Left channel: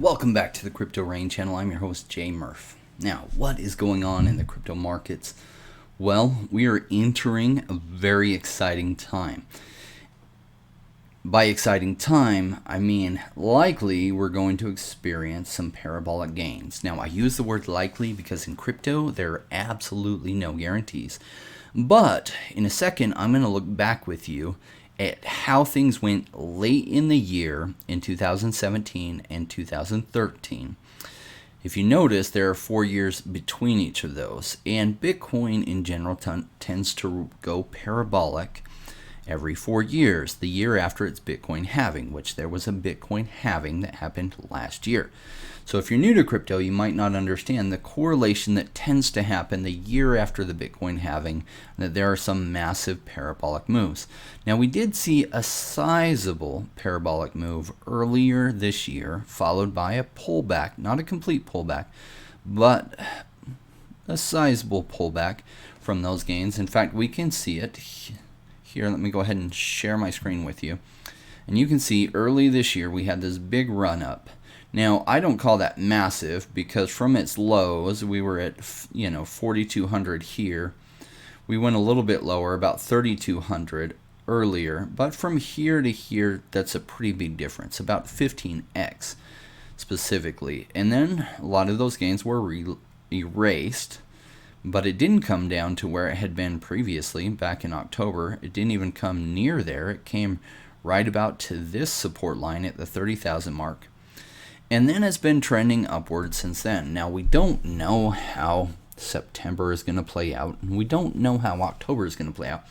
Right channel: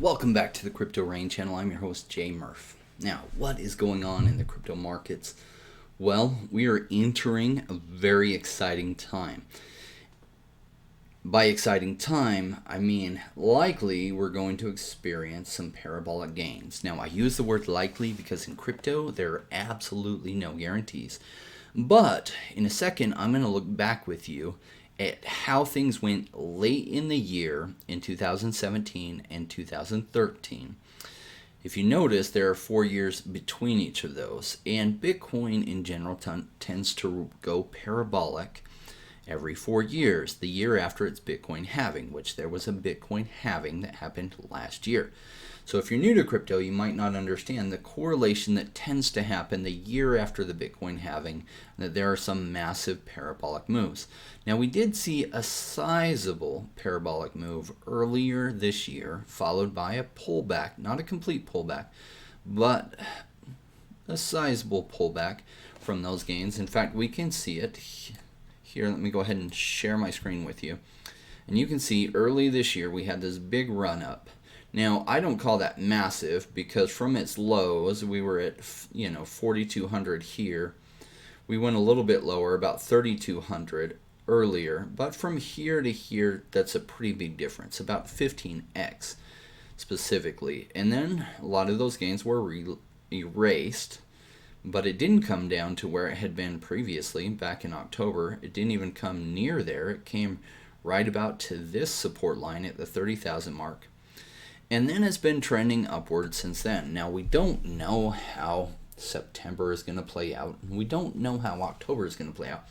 Welcome back to the Crypto Rain channel. I'm your host, Jay Murph. Now, what is going on in the crypto markets? Well, we are entering a very exciting time. By exciting time, I mean likely we're going to experience some parabolic gains. Now, I use the word likely because in crypto, there are absolutely no guarantees. But in a second, I'm going to look back with you at how things went late in the year in 2017 and 2013. If you notice, there are 4 years between each of those, and Bitcoin in general tends to go parabolic every 4 years, the year after its Bitcoin halving, which there was a Bitcoin halving that happened last year. So if you're new to crypto, you might not understand the correlation that tends to happen the year after the Bitcoin halving, that there are some massive parabolic moves. Now, we did see a sizable parabolic move earlier this year, followed by a pullback, not a complete pullback, but a sizable pullback from those gains. In fact, we can see it here. Let me go ahead and share my screen with you. And you can see early this year we had this big run up. Now, I don't call that massive because from its lows, we were at 4,200 here. We went a little bit lower, about 3,200 earlier. But from here to here, that's a pretty big difference, about 15x specifically. And then a lot of those gains were erased. But it didn't come down to where it had been previously back in October. It didn't even come near there. It came right about to this support line at the 30,000 mark. And then it's been trending upward since then. Now, we don't know how September is going to play out, and we don't know how October is going to play out.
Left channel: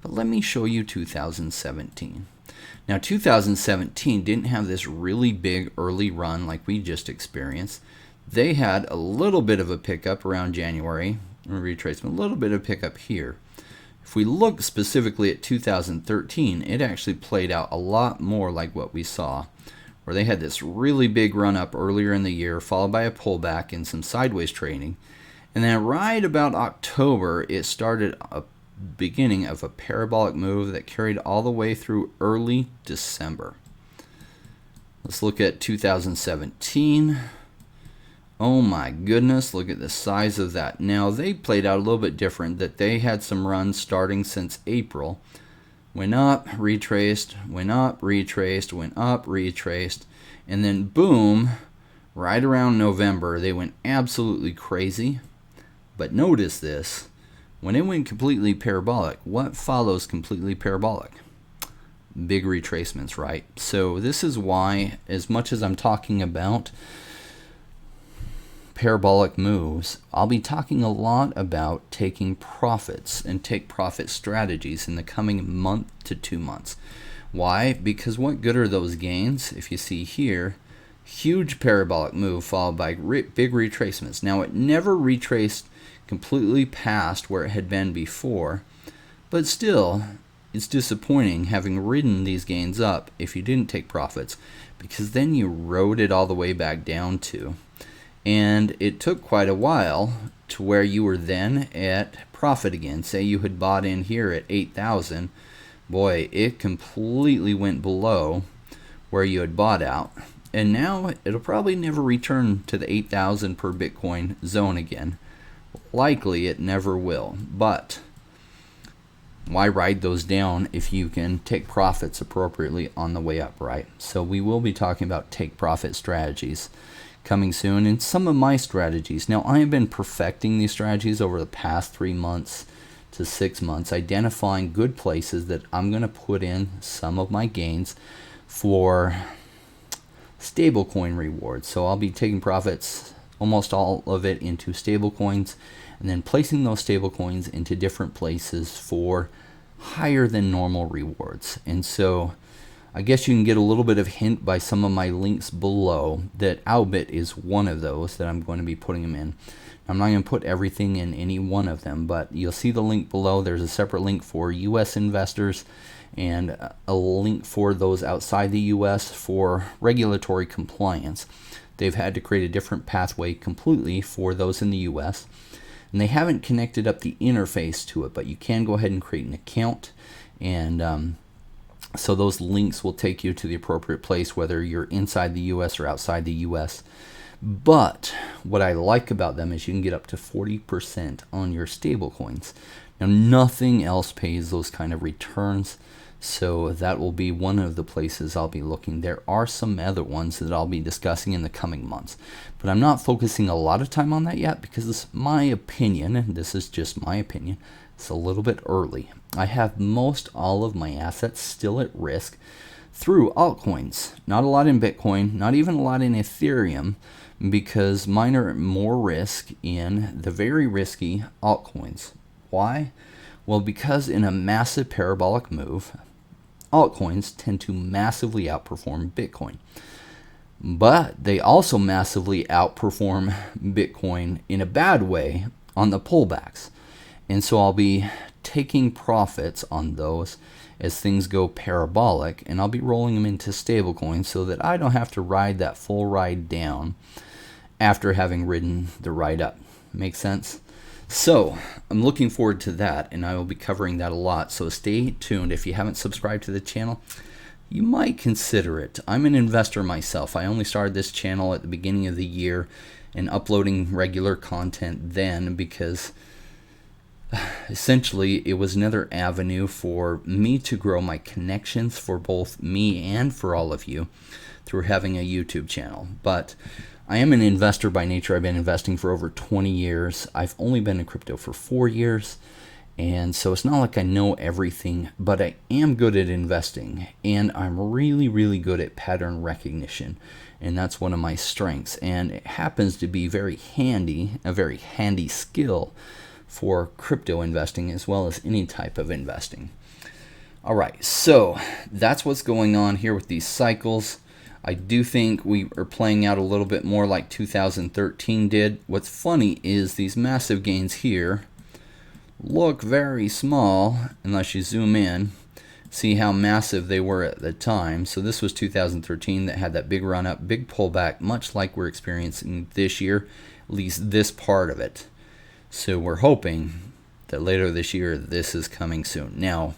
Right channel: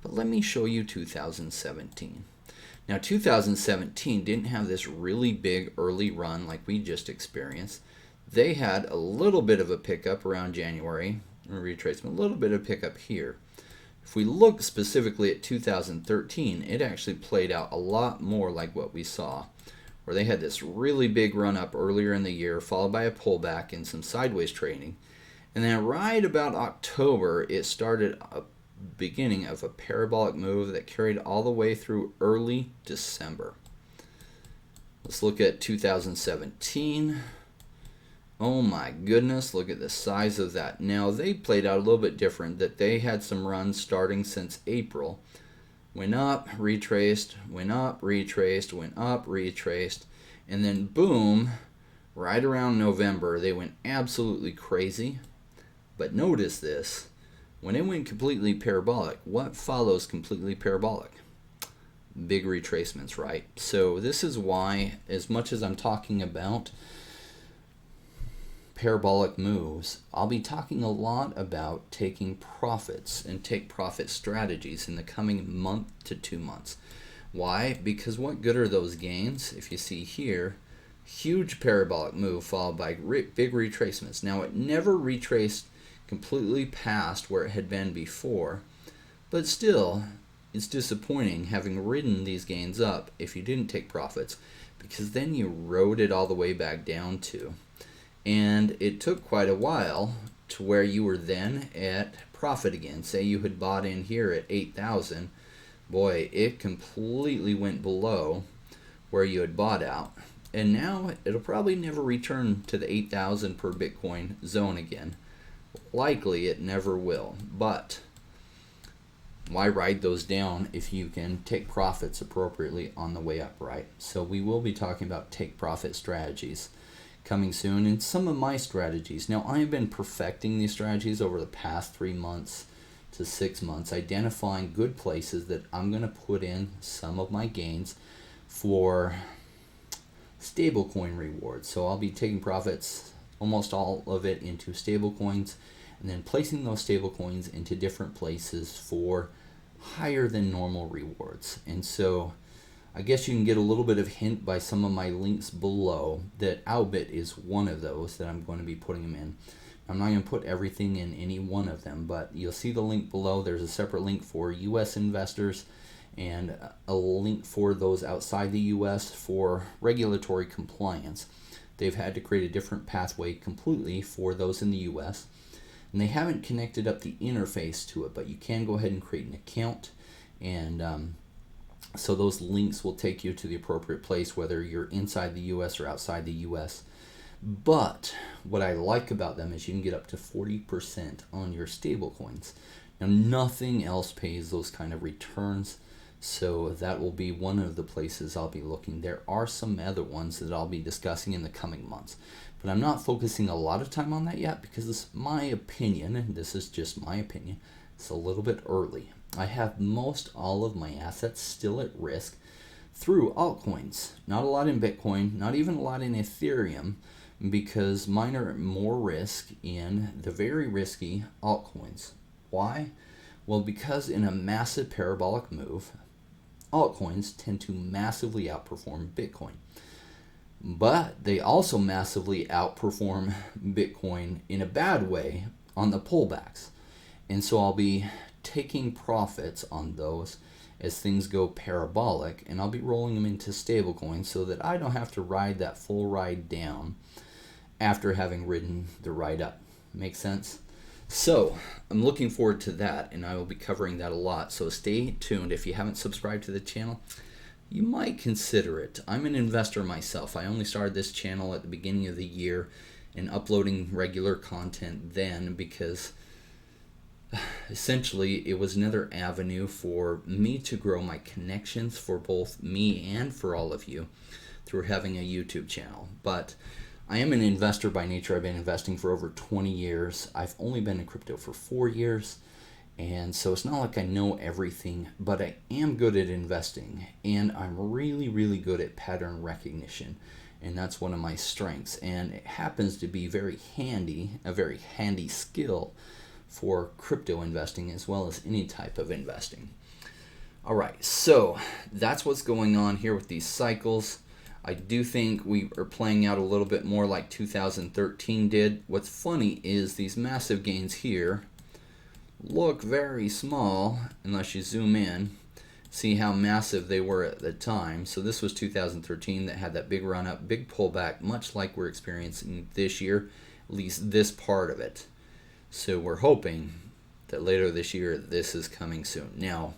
But let me show you 2017. Now, 2017 didn't have this really big early run like we just experienced. They had a little bit of a pickup around January, a retracement, a little bit of pickup here. If we look specifically at 2013, it actually played out a lot more like what we saw, where they had this really big run up earlier in the year, followed by a pullback and some sideways trading. And then right about October, it started a beginning of a parabolic move that carried all the way through early December. Let's look at 2017. Oh my goodness, look at the size of that. Now, they played out a little bit different, that they had some runs starting since April. Went up, retraced, went up, retraced, went up, retraced, and then boom, right around November, they went absolutely crazy. But notice this, when it went completely parabolic, what follows completely parabolic? Big retracements, right? So this is why, as much as I'm talking about parabolic moves, I'll be talking a lot about taking profits and take profit strategies in the coming month to 2 months. Why? Because what good are those gains? If you see here, huge parabolic move followed by big retracements. Now, it never retraced completely past where it had been before, but still, it's disappointing having ridden these gains up if you didn't take profits, because then you rode it all the way back down to. And it took quite a while to where you were then at profit again. Say you had bought in here at 8,000. Boy, it completely went below where you had bought out. And now it'll probably never return to the 8,000 per Bitcoin zone again. Likely it never will. But why ride those down if you can take profits appropriately on the way up, right? So we will be talking about take profit strategies coming soon, and some of my strategies. Now, I have been perfecting these strategies over the past 3 months to 6 months, identifying good places that I'm going to put in some of my gains for stablecoin rewards. So I'll be taking profits, almost all of it, into stablecoins, and then placing those stablecoins into different places for higher than normal rewards. And so I guess you can get a little bit of hint by some of my links below that Aubit is one of those that I'm going to be putting them in. I'm not going to put everything in any one of them, but you'll see the link below. There's a separate link for U.S. investors and a link for those outside the U.S. for regulatory compliance. They've had to create a different pathway completely for those in the U.S., and they haven't connected up the interface to it, but you can go ahead and create an account and So those links will take you to the appropriate place, whether you're inside the US or outside the US. But what I like about them is you can get up to 40% on your stablecoins. Now, nothing else pays those kind of returns, so that will be one of the places I'll be looking. There are some other ones that I'll be discussing in the coming months, but I'm not focusing a lot of time on that yet because it's my opinion, and this is just my opinion, it's a little bit early. I have most all of my assets still at risk through altcoins. Not a lot in Bitcoin, not even a lot in Ethereum, because mine are more risk in the very risky altcoins. Why? Well, because in a massive parabolic move, altcoins tend to massively outperform Bitcoin. But they also massively outperform Bitcoin in a bad way on the pullbacks. And so I'll be taking profits on those as things go parabolic, and I'll be rolling them into stablecoins so that I don't have to ride that full ride down after having ridden the ride up. Make sense? So I'm looking forward to that, and I will be covering that a lot. So stay tuned. If you haven't subscribed to the channel, you might consider it. I'm an investor myself. I only started this channel at the beginning of the year and uploading regular content then because essentially it was another avenue for me to grow my connections for both me and for all of you through having a YouTube channel. But I am an investor by nature. I've been investing for over 20 years. I've only been in crypto for 4 years. And so it's not like I know everything, but I am good at investing. And I'm really, really good at pattern recognition. And that's one of my strengths. And it happens to be very handy, a very handy skill for crypto investing as well as any type of investing. All right, so that's what's going on here with these cycles. I do think we are playing out a little bit more like 2013 did. What's funny is these massive gains here look very small unless you zoom in. See how massive they were at the time. So this was 2013 that had that big run up, big pullback, much like we're experiencing this year, at least this part of it. So we're hoping that later this year this is coming soon. Now,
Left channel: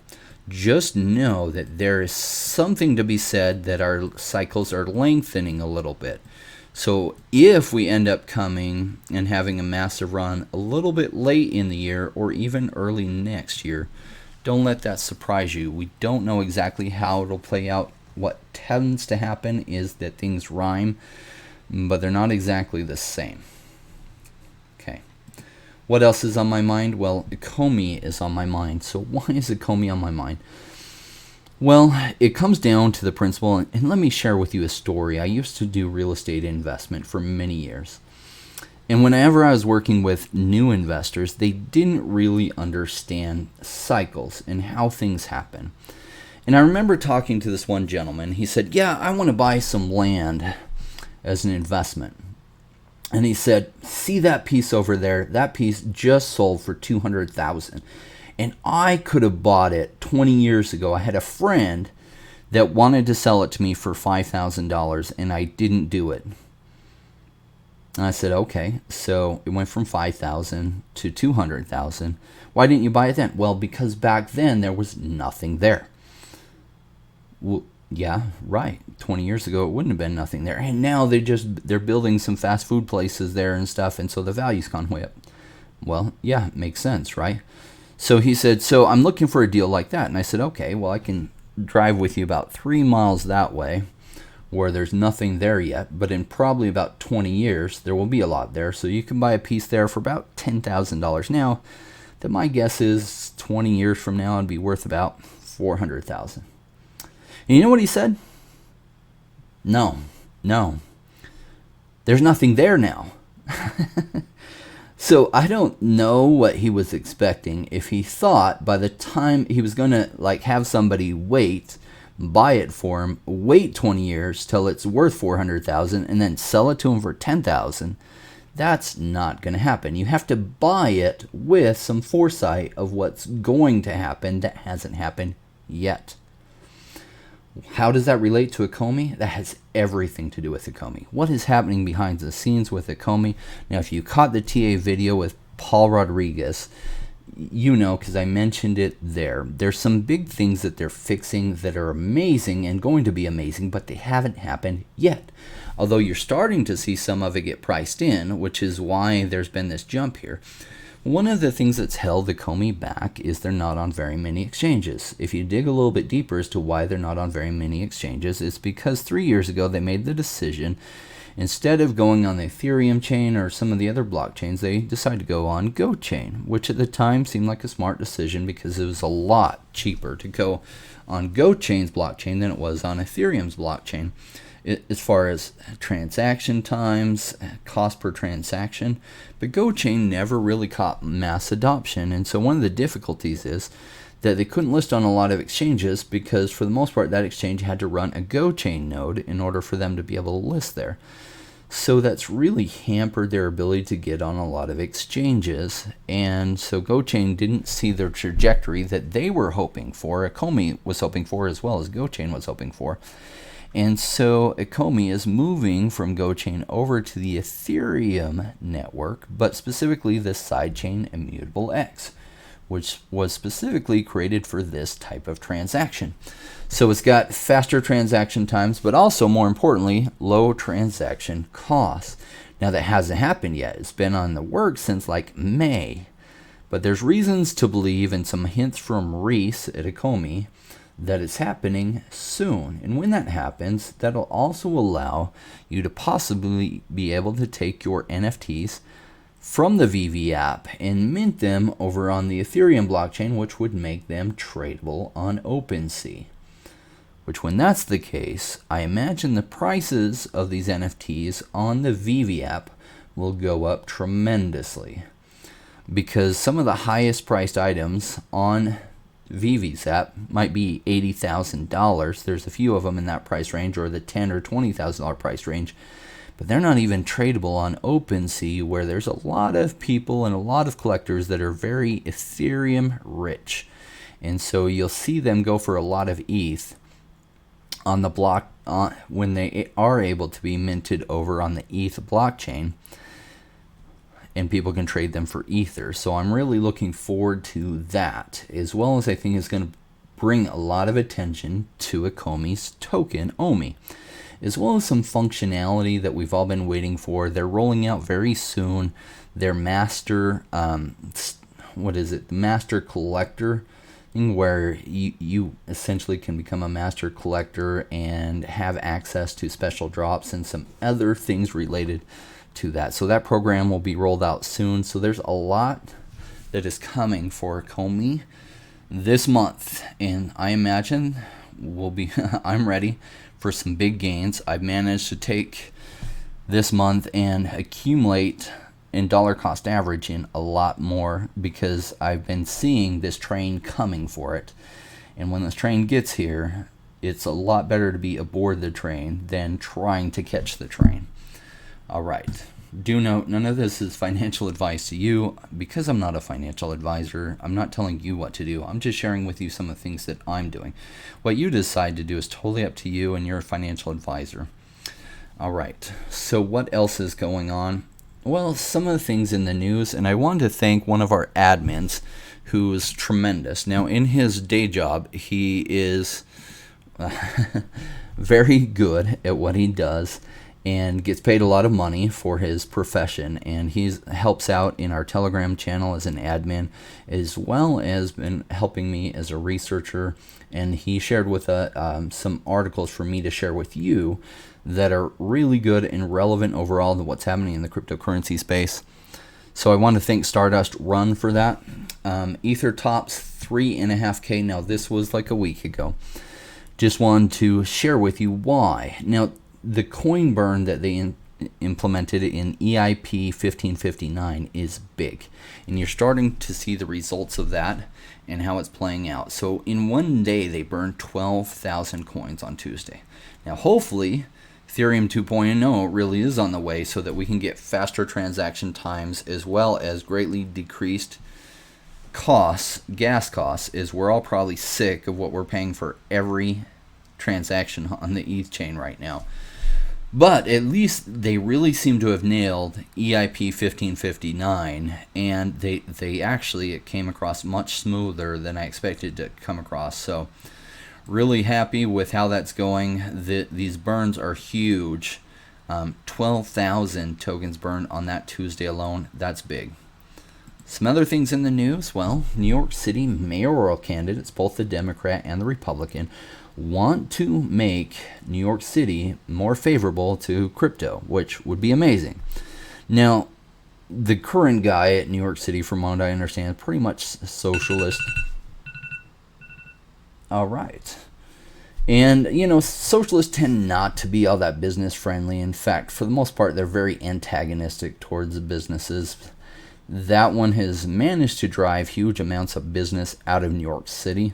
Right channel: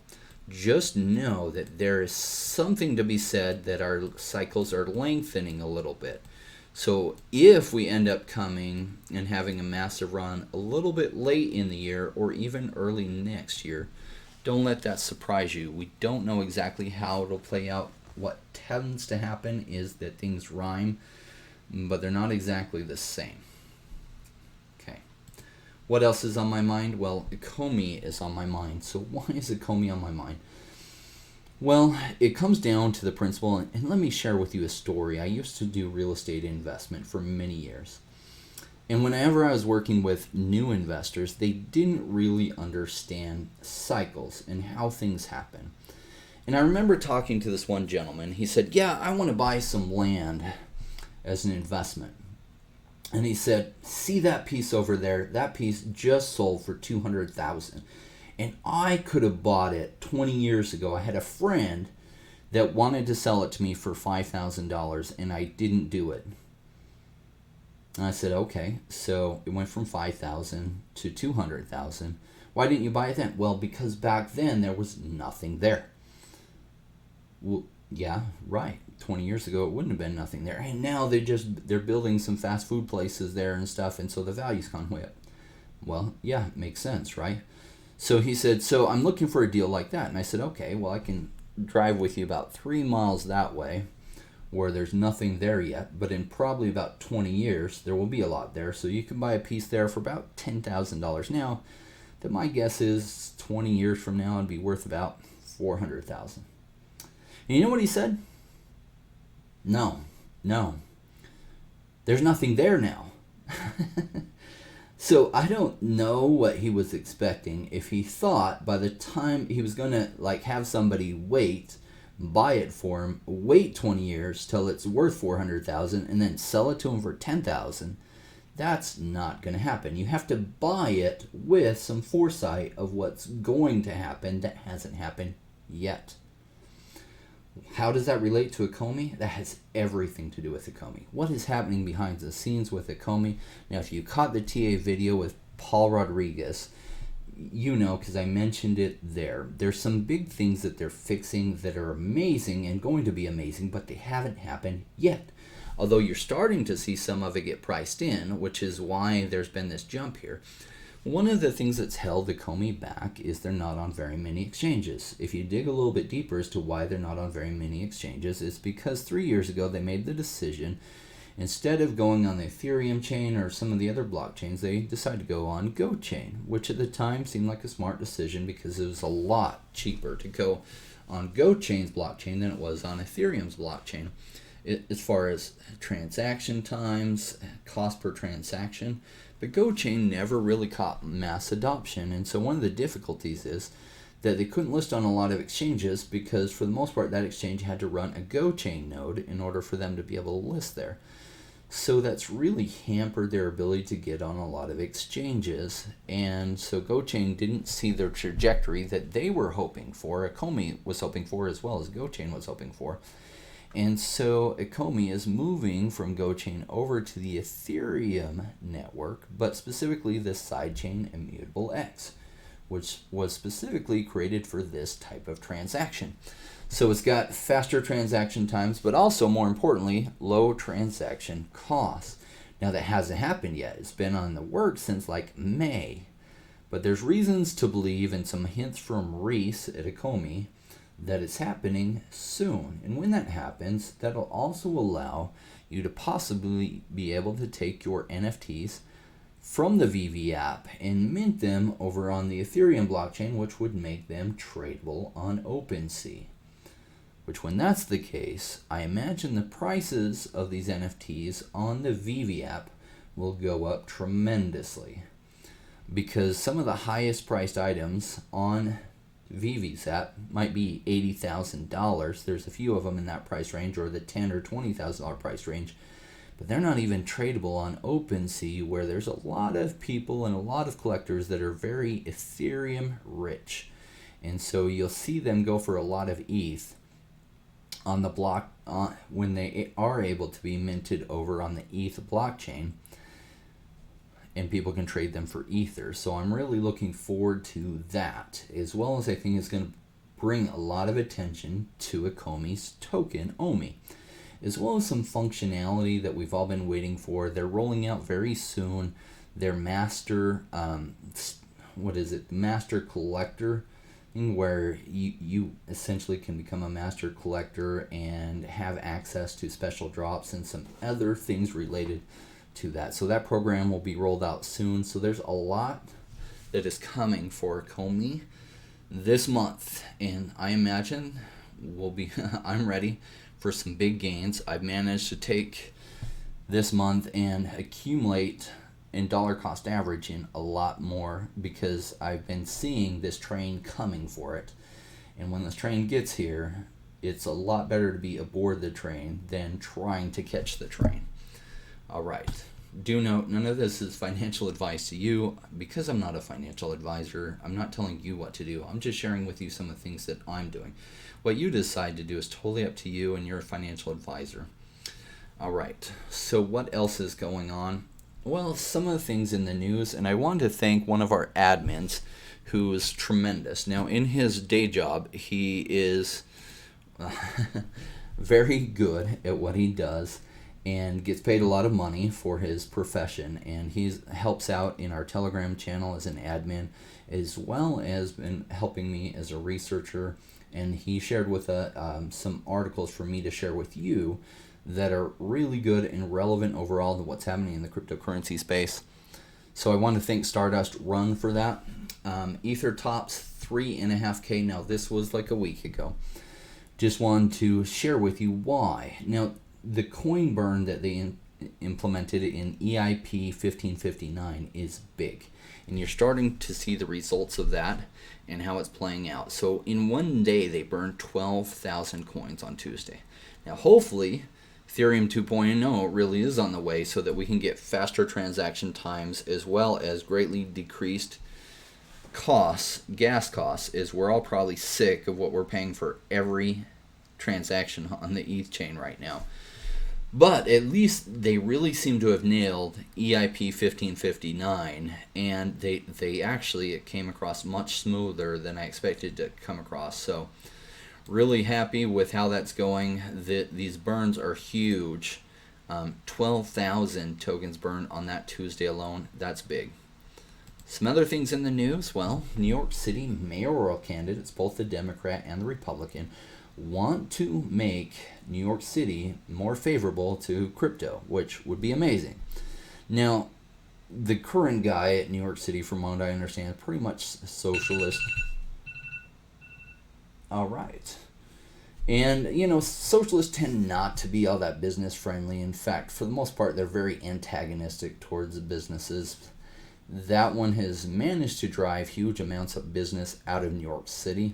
just know that there is something to be said that our cycles are lengthening a little bit. So if we end up coming and having a massive run a little bit late in the year or even early next year, don't let that surprise you. We don't know exactly how it'll play out. What tends to happen is that things rhyme, but they're not exactly the same. Okay. What else is on my mind? Well, ECOMI is on my mind. So why is ECOMI on my mind? Well, it comes down to the principle, and let me share with you a story. I used to do real estate investment for many years. And whenever I was working with new investors, they didn't really understand cycles and how things happen. And I remember talking to this one gentleman. He said, yeah, I want to buy some land as an investment. And he said, see that piece over there? That piece just sold for $200,000. And I could have bought it 20 years ago. I had a friend that wanted to sell it to me for $5,000, and I didn't do it. And I said, okay. So it went from $5,000 to $200,000. Why didn't you buy it then? Well, because back then there was nothing there. Well, yeah, right. 20 years ago, it wouldn't have been nothing there. And now they're building some fast food places there and stuff, and so the value's gone way up. Well, yeah, it makes sense, right? So he said, so I'm looking for a deal like that. And I said, okay, well, I can drive with you about 3 miles that way where there's nothing there yet. But in probably about 20 years, there will be a lot there. So you can buy a piece there for about $10,000 now. That my guess is 20 years from now it'd be worth about $400,000. And you know what he said? No. There's nothing there now. So I don't know what he was expecting. If he thought by the time he was going to have somebody buy it for him, wait 20 years till it's worth $400,000 and then sell it to him for $10,000, that's not going to happen. You have to buy it with some foresight of what's going to happen that hasn't happened yet. How does that relate to ECOMI? That has everything to do with ECOMI. What is happening behind the scenes with ECOMI? Now, if you caught the TA video with Paul Rodriguez, you know, because I mentioned it there. There's some big things that they're fixing that are amazing and going to be amazing, but they haven't happened yet. Although you're starting to see some of it get priced in, which is why there's been this jump here. One of the things that's held ECOMI back is they're not on very many exchanges. If you dig a little bit deeper as to why they're not on very many exchanges, it's because 3 years ago they made the decision, instead of going on the Ethereum chain or some of the other blockchains, they decided to go on GoChain, which at the time seemed like a smart decision because it was a lot cheaper to go on GoChain's blockchain than it was on Ethereum's blockchain. As far as transaction times, cost per transaction, but GoChain never really caught mass adoption, and so one of the difficulties is that they couldn't list on a lot of exchanges because for the most part that exchange had to run a GoChain node in order for them to be able to list there. So that's really hampered their ability to get on a lot of exchanges, and so GoChain didn't see the trajectory that they were hoping for, ECOMI was hoping for, as well as GoChain was hoping for. And so ECOMI is moving from GoChain over to the Ethereum network, but specifically the sidechain Immutable X, which was specifically created for this type of transaction. So it's got faster transaction times, but also more importantly, low transaction costs. Now that hasn't happened yet. It's been on the works since like May, but there's reasons to believe, and some hints from Reese at ECOMI, that it's happening soon. And when that happens, that'll also allow you to possibly be able to take your NFTs from the VeVe app and mint them over on the Ethereum blockchain, which would make them tradable on OpenSea. Which, when that's the case, I imagine the prices of these NFTs on the VeVe app will go up tremendously, because some of the highest priced items on VeVe's app might be $80,000. There's a few of them in that price range, or the $10,000 or $20,000 price range, but they're not even tradable on OpenSea, where there's a lot of people and a lot of collectors that are very Ethereum rich, and so you'll see them go for a lot of ETH on the block when they are able to be minted over on the ETH blockchain, and people can trade them for Ether. So I'm really looking forward to that, as well as I think it's going to bring a lot of attention to ECOMI's token, OMI, as well as some functionality that we've all been waiting for. They're rolling out very soon their master, master collector, where you essentially can become a master collector and have access to special drops and some other things related to that. So that program will be rolled out soon. So there's a lot that is coming for ECOMI this month, and I imagine I'm ready for some big gains. I've managed to take this month and accumulate in dollar cost average in a lot more, because I've been seeing this train coming for it, and when this train gets here, it's a lot better to be aboard the train than trying to catch the train. All right. Do note, none of this is financial advice to you, because I'm not a financial advisor. I'm not telling you what to do. I'm just sharing with you some of the things that I'm doing. What you decide to do is totally up to you, and you're a financial advisor. All right. So what else is going on? Well, some of the things in the news, and I wanted to thank one of our admins who is tremendous. Now, in his day job, he is very good at what he does and gets paid a lot of money for his profession, and he helps out in our Telegram channel as an admin, as well as been helping me as a researcher, and he shared with some articles for me to share with you that are really good and relevant overall to what's happening in the cryptocurrency space. So I want to thank Stardust Run for that. Ether tops 3.5K. Now, this was like a week ago. Just wanted to share with you why. Now, the coin burn that they implemented in EIP 1559 is big, and you're starting to see the results of that and how it's playing out. So in one day, they burned 12,000 coins on Tuesday. Now, hopefully, Ethereum 2.0 really is on the way, so that we can get faster transaction times, as well as greatly decreased costs, gas costs, as we're all probably sick of what we're paying for every transaction on the ETH chain right now. But at least they really seem to have nailed EIP 1559, and they actually, it came across much smoother than I expected to come across. So really happy with how that's going. These burns are huge. 12,000 tokens burned on that Tuesday alone. That's big. Some other things in the news. Well, New York City mayoral candidates, both the Democrat and the Republican, want to make New York City more favorable to crypto, which would be amazing. Now, the current guy at New York City, from what I understand, is pretty much socialist. All right. And, socialists tend not to be all that business friendly. In fact, for the most part, they're very antagonistic towards the businesses. That one has managed to drive huge amounts of business out of New York City.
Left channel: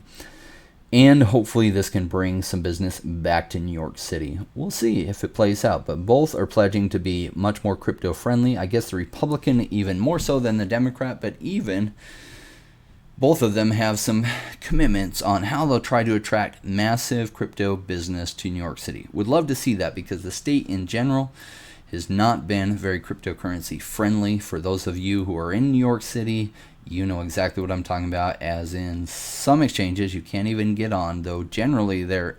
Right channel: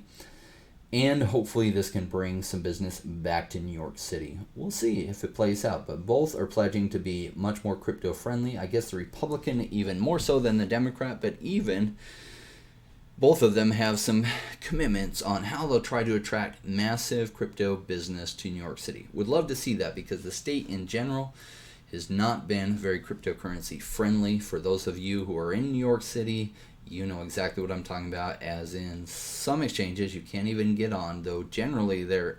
And hopefully this can bring some business back to New York City. We'll see if it plays out. But both are pledging to be much more crypto friendly. I guess the Republican even more so than the Democrat. But even both of them have some commitments on how they'll try to attract massive crypto business to New York City. Would love to see that because the state in general has not been very cryptocurrency friendly. For those of you who are in New York City, you know exactly what I'm talking about, as in some exchanges you can't even get on, though generally you're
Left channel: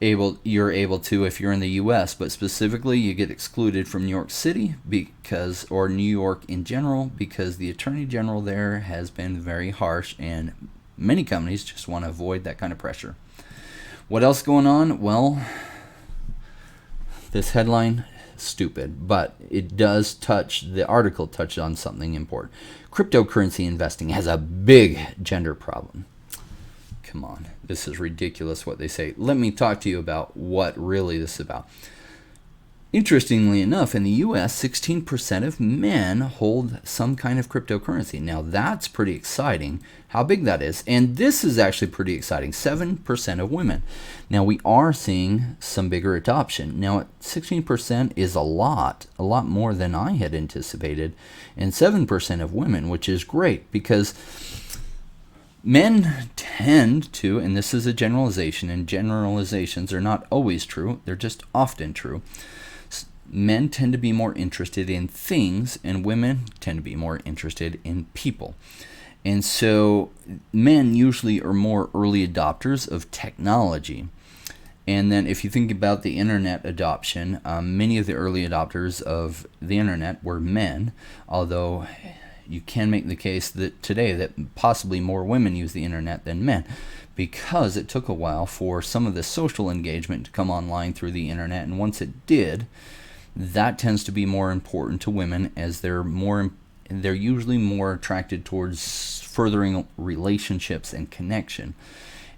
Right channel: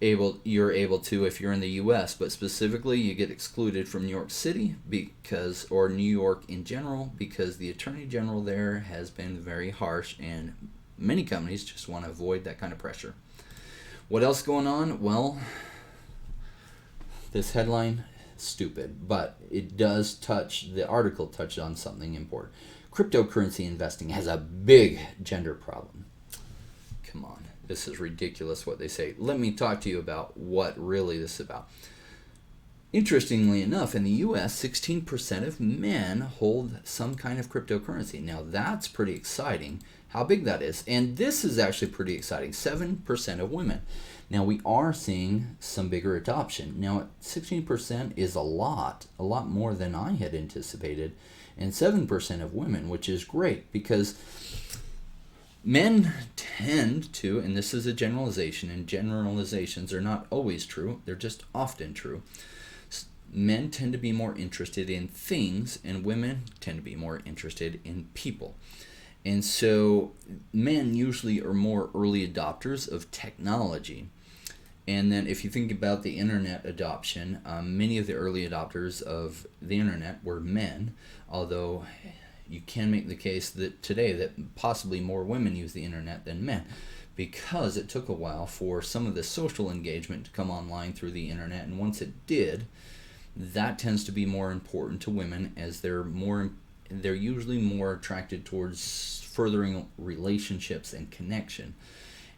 able to if you're in the US, but specifically you get excluded from New York City or New York in general, because the Attorney General there has been very harsh and many companies just want to avoid that kind of pressure. What else going on? Well, this headline, stupid, but the article touched on something important. Cryptocurrency investing has a big gender problem. Come on, this is ridiculous what they say. Let me talk to you about what really this is about. Interestingly enough, in the US, 16% of men hold some kind of cryptocurrency. Now, that's pretty exciting, how big that is. And this is actually pretty exciting, 7% of women. Now, we are seeing some bigger adoption. Now, 16% is a lot more than I had anticipated. And 7% of women, which is great, because men tend to, and this is a generalization, and generalizations are not always true, they're just often true. Men tend to be more interested in things, and women tend to be more interested in people. And so men usually are more early adopters of technology. And then if you think about the internet adoption, many of the early adopters of the internet were men, although you can make the case that today that possibly more women use the internet than men, because it took a while for some of the social engagement to come online through the internet. And once it did, that tends to be more important to women, as they're usually more attracted towards furthering relationships and connection.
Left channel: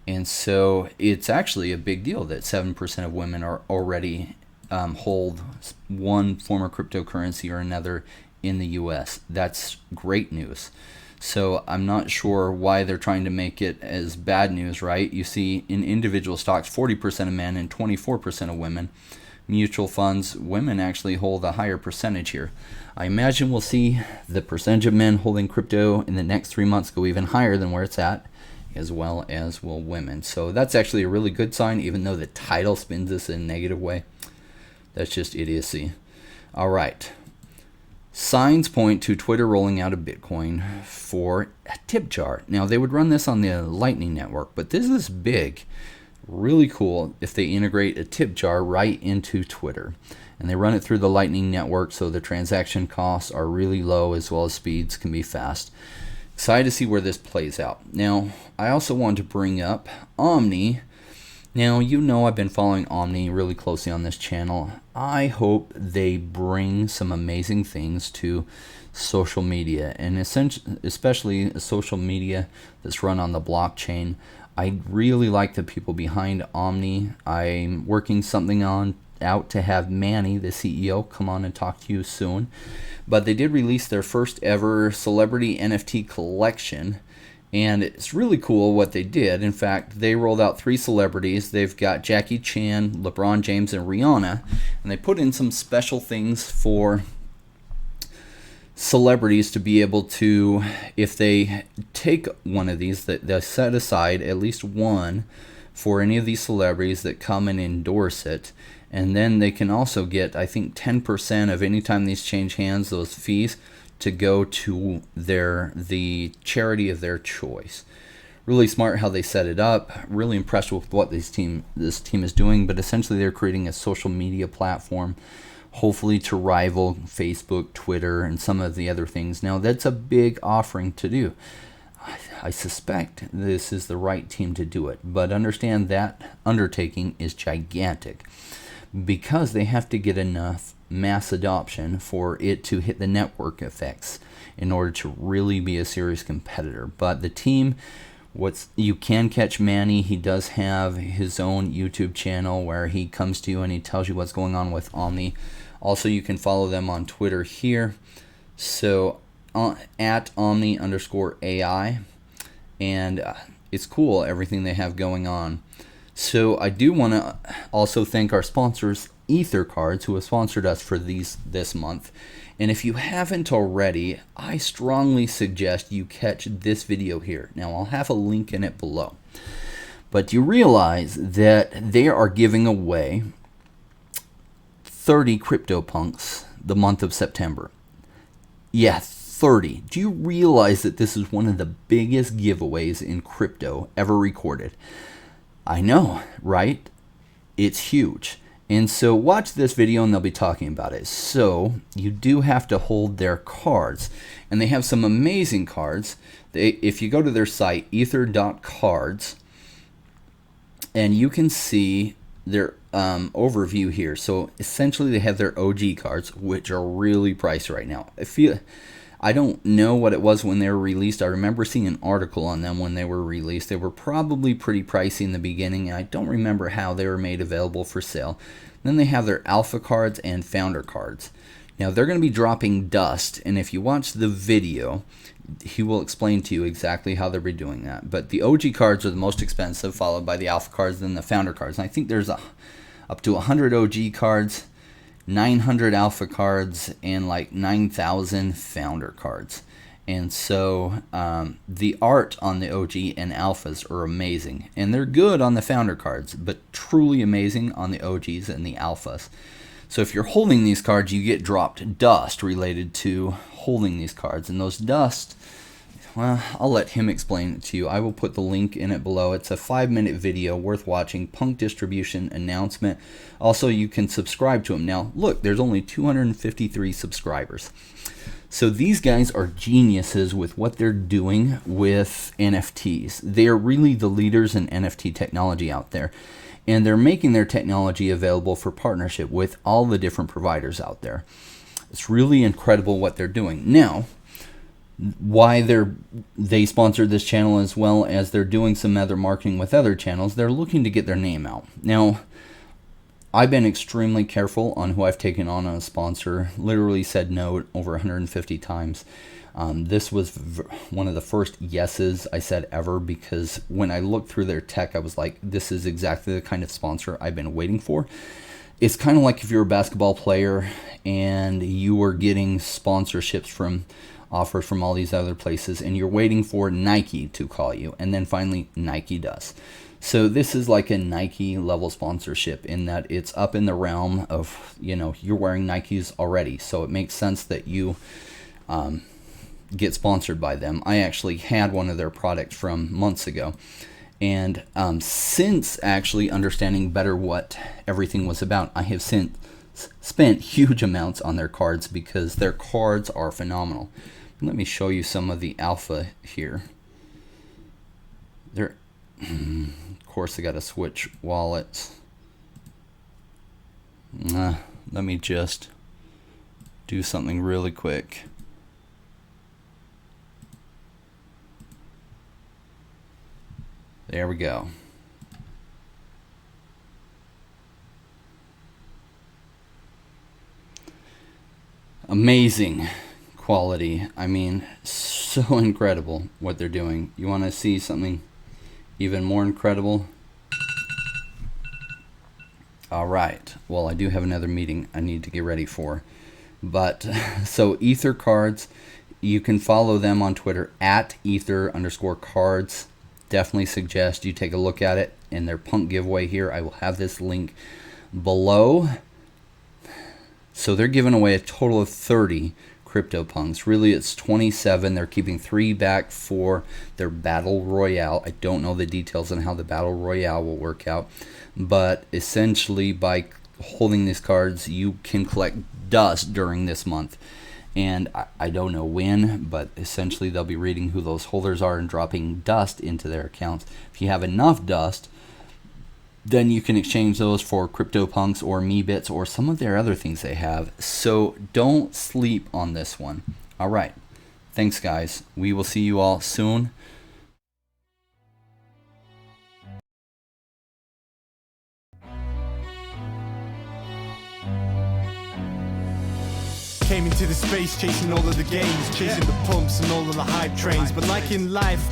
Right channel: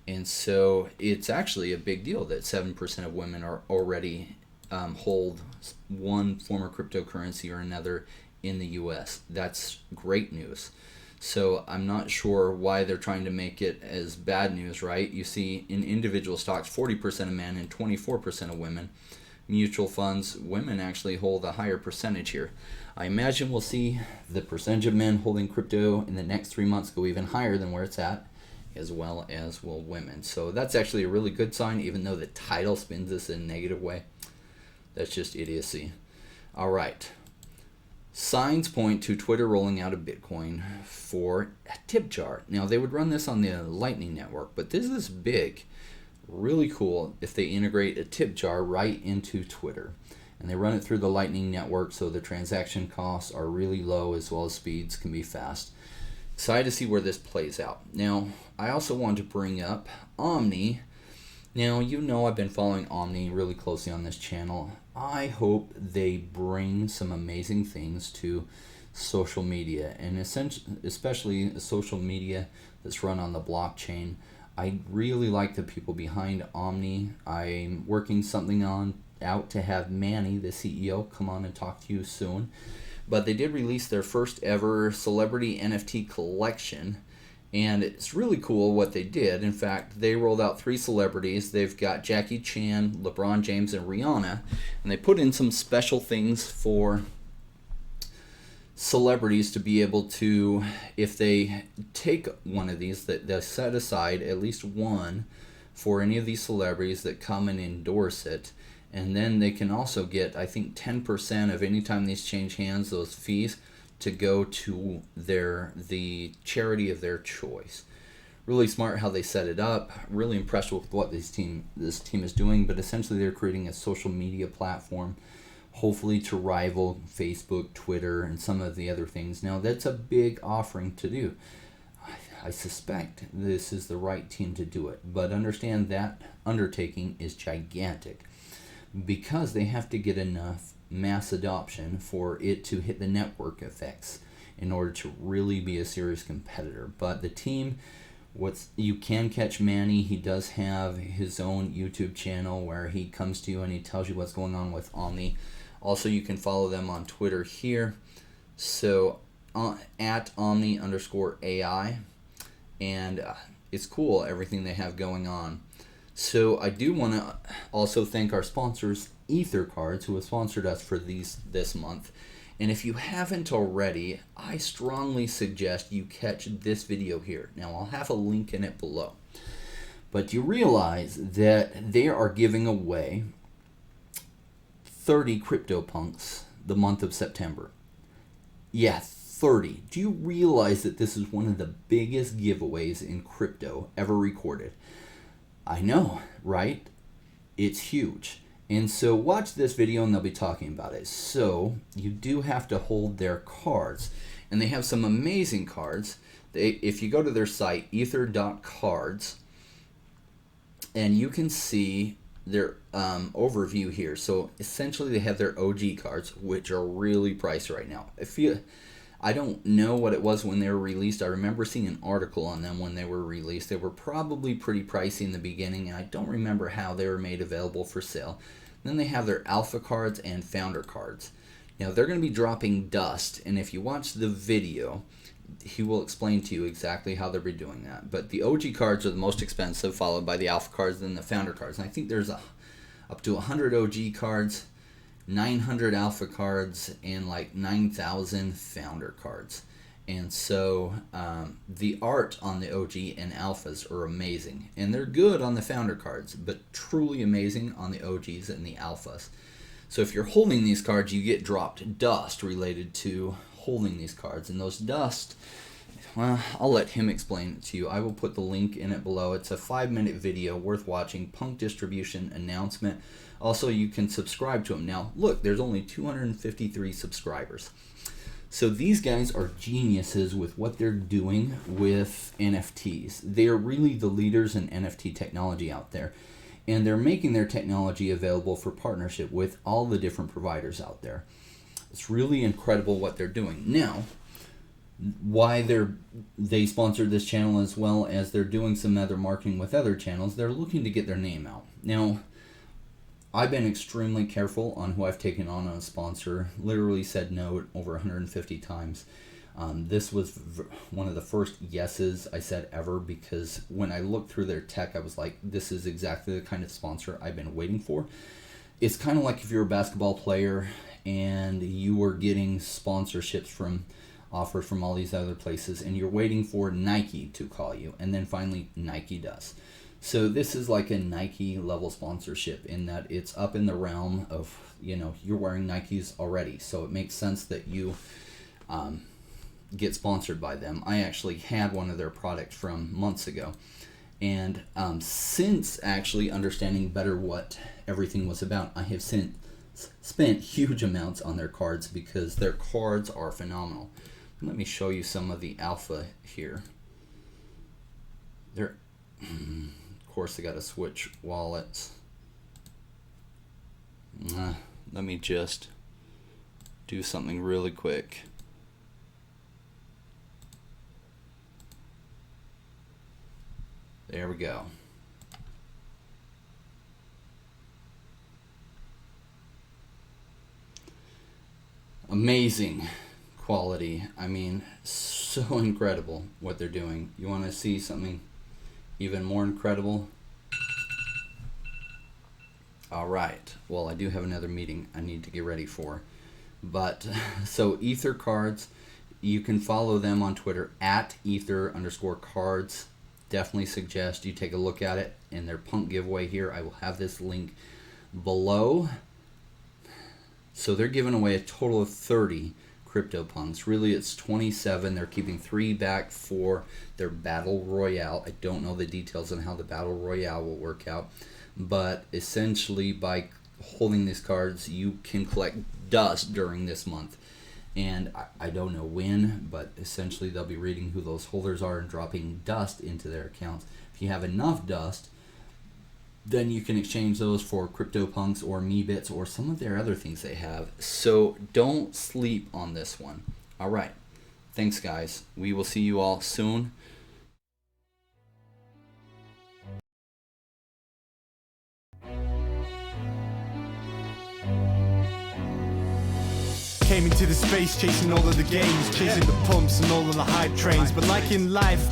And so it's actually a big deal that 7% of women are already hold one form of cryptocurrency or another in the US. That's great news. So I'm not sure why they're trying to make it as bad news, right? You see in individual stocks, 40% of men and 24% of women. Mutual funds, women actually hold a higher percentage here. I imagine we'll see the percentage of men holding crypto in the next 3 months go even higher than where it's at, as well as will women. So that's actually a really good sign, even though the title spins this in a negative way. That's just idiocy. All right. Signs point to Twitter rolling out a Bitcoin for a tip jar. Now, they would run this on the Lightning Network, but this is big. Really cool if they integrate a tip jar right into Twitter. And they run it through the Lightning Network, so the transaction costs are really low, as well as speeds can be fast. Excited to see where this plays out. Now, I also wanted to bring up Omni. Now, I've been following Omni really closely on this channel. I hope they bring some amazing things to social media, and especially social media that's run on the blockchain. I really like the people behind Omni. I'm working something out to have Manny, the CEO, come on and talk to you soon. But they did release their first ever celebrity NFT collection, and it's really cool what they did. In fact, they rolled out 3 celebrities. They've got Jackie Chan, LeBron James, and Rihanna, and they put in some special things for celebrities to be able to, if they take one of these, that they'll set aside at least one for any of these celebrities that come and endorse it. And then they can also get, I think, 10% of any time these change hands, those fees, to go to the charity of their choice. Really smart how they set it up. Really impressed with what this team is doing. But essentially, they're creating a social media platform, hopefully to rival Facebook, Twitter, and some of the other things. Now, that's a big offering to do. I suspect this is the right team to do it. But understand that undertaking is gigantic, because they have to get enough mass adoption for it to hit the network effects in order to really be a serious competitor. But the team, you can catch Manny. He does have his own YouTube channel where he comes to you and he tells you what's going on with Omni. Also, you can follow them on Twitter here. So at Omni_AI, and it's cool everything they have going on. So I do want to also thank our sponsors, EtherCards, who have sponsored us for this month. And if you haven't already, I strongly suggest you catch this video here. Now, I'll have a link in it below. But you realize that they are giving away 30 CryptoPunks the month of September. Yeah, 30. Do you realize that this is one of the biggest giveaways in crypto ever recorded? I know, right? It's huge. And so watch this video and they'll be talking about it. So you do have to hold their cards. And they have some amazing cards. If you go to their site, ether.cards, and you can see their overview here. So essentially they have their OG cards, which are really priced right now. I don't know what it was when they were released. I remember seeing an article on them when they were released. They were probably pretty pricey in the beginning, and I don't remember how they were made available for sale. Then they have their alpha cards and founder cards. Now, they're going to be dropping dust, and if you watch the video, he will explain to you exactly how they'll be doing that. But the OG cards are the most expensive, followed by the alpha cards, then the founder cards. And I think there's up to 100 OG cards, 900 alpha cards, and like 9,000 founder cards. And so the art on the OG and alphas are amazing, and they're good on the founder cards, but truly amazing on the OGs and the alphas. So if you're holding these cards, you get dropped dust related to holding these cards, and those dust, well, I'll let him explain it to you. I will put the link in it below. It's a 5-minute video worth watching. Punk distribution announcement. Also, you can subscribe to him. Now, look, there's only 253 subscribers. So these guys are geniuses with what they're doing with NFTs. They are really the leaders in NFT technology out there. And they're making their technology available for partnership with all the different providers out there. It's really incredible what they're doing. Now, why they sponsored this channel, as well as they're doing some other marketing with other channels, they're looking to get their name out. Now, I've been extremely careful on who I've taken on as a sponsor. Literally said no over 150 times. This was one of the first yeses I said ever, because when I looked through their tech, I was like, this is exactly the kind of sponsor I've been waiting for. It's kind of like if you're a basketball player and you were getting sponsorships from offers from all these other places, and you're waiting for Nike to call you, and then finally Nike does. So this is like a Nike level sponsorship, in that it's up in the realm of, you're wearing Nikes already, so it makes sense that you get sponsored by them. I actually had one of their products from months ago, and since actually understanding better what everything was about, I have since spent huge amounts on their cards, because their cards are phenomenal. Let me show you some of the alpha here. Of course, I got to switch wallets. Let me just do something really quick. There we go. Amazing quality. I mean, so incredible what they're doing. You want to see something even more incredible? All right. Well, I do have another meeting I need to get ready for. But so EtherCards, you can follow them on Twitter at ether_cards. Definitely suggest you take a look at it. And their punk giveaway here, I will have this link below. So they're giving away a total of 30 CryptoPunks. Really, it's 27. They're keeping 3 back for their Battle Royale. I don't know the details on how the Battle Royale will work out, but essentially by holding these cards, you can collect dust during this month. And I don't know when, but essentially they'll be reading who those holders are and dropping dust into their accounts. If you have enough dust, then you can exchange those for CryptoPunks or Meebits or some of their other things they have. So don't sleep on this one. All right. Thanks, guys. We will see you all soon. Came into the space chasing all of the games, chasing the pumps and all of the hype trains. But like in life,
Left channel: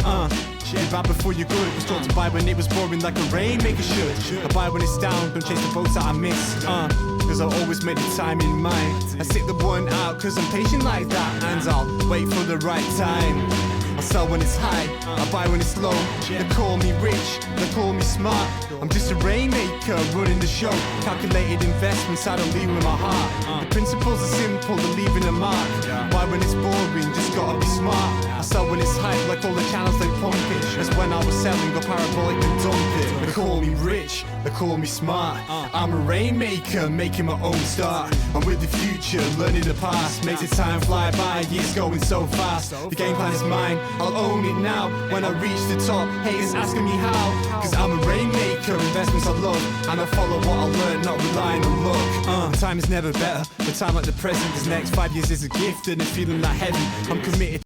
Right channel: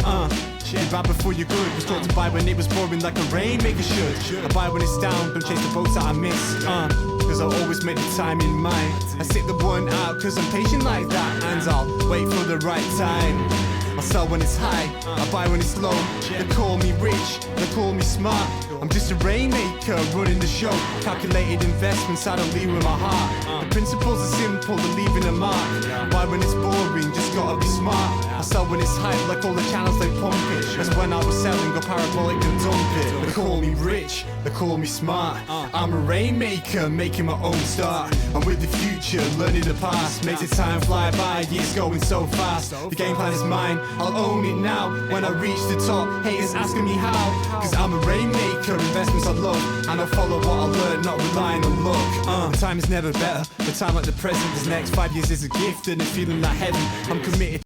you buy before you're good. Was taught to buy when it was pouring like a rainmaker should. I buy when it's down, don't chase the boats that I miss. Cause I'll always make the time in mind. I sit the one out cause I'm patient like that. And I'll wait for the right time. I sell when it's high, I buy when it's low. They call me rich, they call me smart. I'm just a rainmaker running the show. Calculated investments, I don't lead with my heart. The principles are simple, they're leaving a mark. Why when it's boring, just gotta be smart. I sell when it's hype, like all the channels they pump it. That's when I was selling, go parabolic and dump it. They call me rich, they call me smart. I'm a rainmaker, making my own start. I'm with the future, learning the past. Makes the time fly by, years going so fast. The game plan is mine, I'll own it now. When I reach the top, haters asking me how. Cause I'm a rainmaker, investments I love. And I follow what I learn, not relying on luck. The time is never better, the time like the present. This next 5 years is a gift and a feeling like heaven. I'm committed